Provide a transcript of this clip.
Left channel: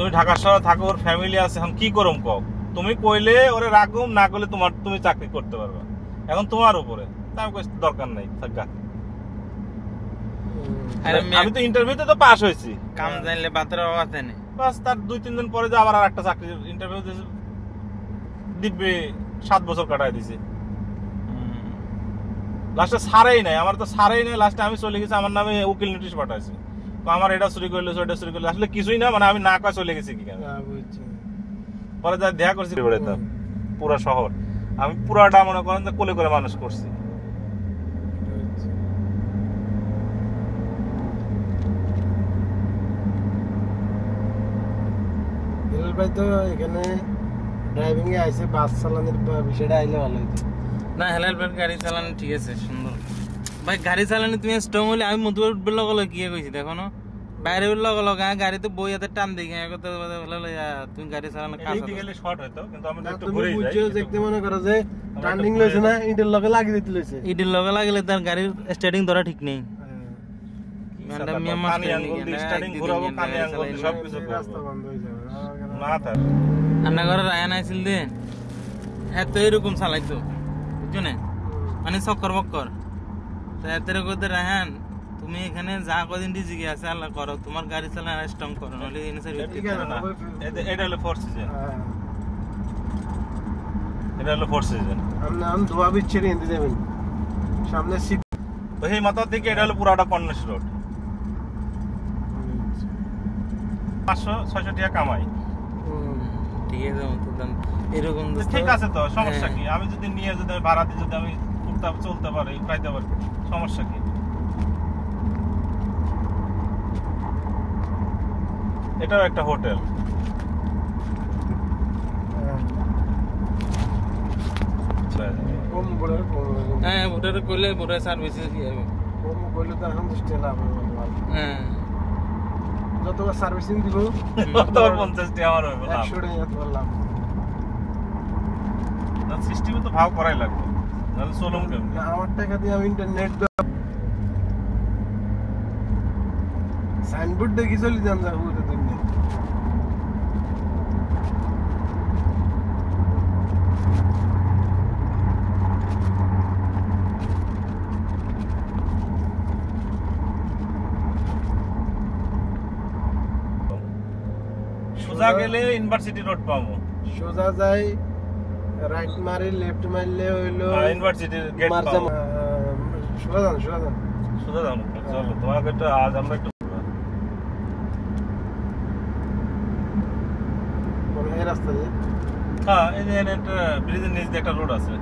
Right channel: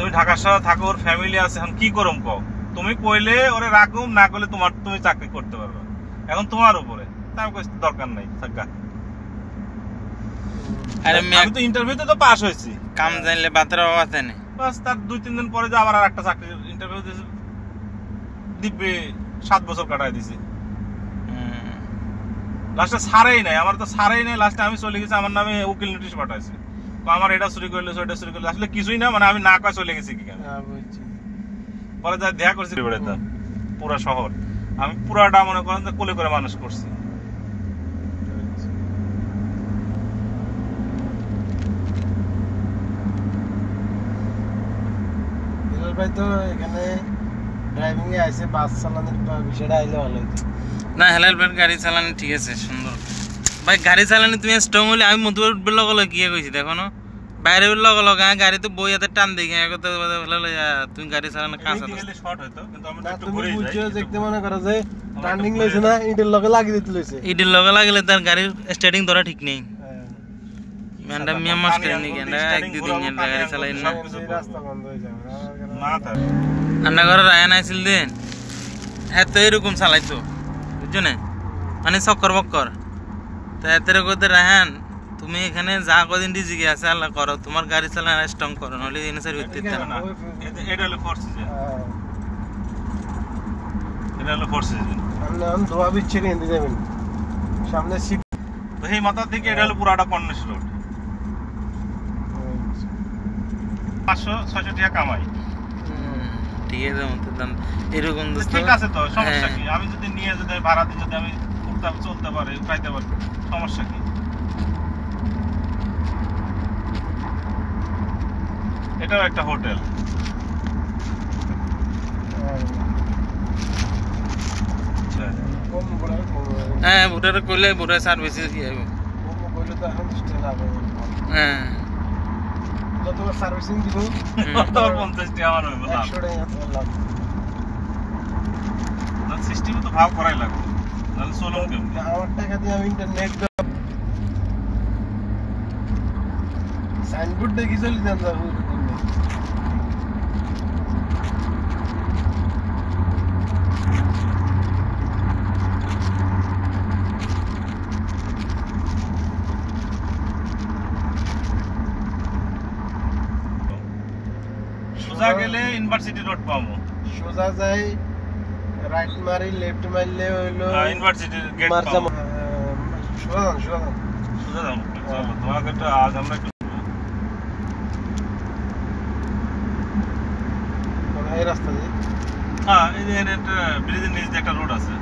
তুমি ঢাকা শহরে থাকো, ওর ফ্যামিলি আছে, এখন কি করম কও? তুমি কইলে ওরে রাখুম, না করলে তুমি চাকরি করতে পারবে, এখন তোমার উপরে। আমি কইছি দরকার নাই, থাকা। আমি তো ইন্টারভিউতে তো পাস হয়েছি, কাম জানলে বাতের অভাব আছে না। বাস তার 2-3 দিন পরে যে আবার আর একটা চাকরি ইন্টারভিউ দিয়েছি, দিব্যি 7 বছর কাটাই দিছি। লাস্টে ছাড়েই নাই, আমার তো ছাড়েই নাই। লাস্টে আমি চলে গেছি, আমার নামে উকিল নোটিশ পাঠাইছে, আমার এটা চুরি করলে ওটা চুরি করলে, আসলে কিছুই না, মানে আমি না কয় চলে গেছি কি কারণে। পরে যা দেখা করছি পুরো শহর, আমি পুরাটা মনে করেন যে কোলে করে মানুষ করছি। ভাই তো এখানে ড্রাইভিং এ আইছে, বাস চালানোর বিষয়টা আইলে ভালো হতো না। হেলাল ভাই গাড়ি চালানো ঠিক আছে, সুন্দর ভাই গাড়ি চালানো। তুমি স্ট্রং হলে আমি মধুর বেলা গেলো কি কইছি দেখো না, বাইরে বেলা গেলো গাড়ি তো বই হাতে টান দিই, তুমি গাড়ি চালানো কাঁচা শর্ট হইতো, কিন্তু আমি একটু তুমি ঘুরে যাই। বুঝছো দেখতে মনে করো যে টার্নিং লইছে না, ইটের লগে লাগিয়ে দিতে লইছে, ইটের লগে লাগলে তার গাড়ির স্টার্টিং ধরা ঠিক নেই। ম্যান্ডা মিয়া মাস্টার নি কেন এক দুদিন গাড়ি চালাই না, রাস্তা বন্ধ হয়ে যাবে না। তার রান্না ঘরে রায়ন আইছিল দেন, হ্যাঁ তো এরকম চালাইতো বুঝছো না, মানে চক্কর বক্কর। তো এতের করতে রায়ন তুমি এখানে যা কদিন ডিজিকে আছে আল্লাহ করো, তোমার গাড়ি চালানো স্ট্রং করো, নলে এনএসআর হইতে পারে না। এটা হলো ফোর সিজন, এটা হলো ফোর সিজন। আমি ধোয়া বিচ্ছে কিনতে যাবেন সামনে সিট, তো এই মাথা থেকে এটা হলো পুরাটা কর্নেশ রোড। 500-600 টাকা কামাই, ঠিক আছে এরকম ঠিক আছে। তো সমস্যা কি? আমি যদি নিয়ে যদি ভাড়াতে যদি আমি চলতে পারি, উঠাইতে পারি, সমস্যা কি? এটাও একটা হোটেল। হ্যাঁ ভোটার করলে ভোটার সার্ভিসে কি হবে, তো এখন হ্যাঁ যতবার সার্ভিসিং দিব 50 টাকা আমার হইব, 100 টাকা বললাম। না সিস্টেমে তো ভাগ করাই লাগবে, নাহলে চলুন কেমনে? আমার টাকা দিয়ে আমি ইন্টারনেট সাইনবোর্ড দেখি চলে যান যাবো তুমি। সোজা গেলে ইউনিভার্সিটি রোড পাবো, সোজা যাই রাইট মারি লেফট মারলে হইলো ইউনিভার্সিটির গেট মারজাম। পাবো। সোজা যান সোজা যাও, চলো তোমাকে একটু আজ আমরা একটু এই রাস্তা দিয়ে। হ্যাঁ, এই যে একটা ব্রিজের নিচ দিয়ে একটা রোড আছে।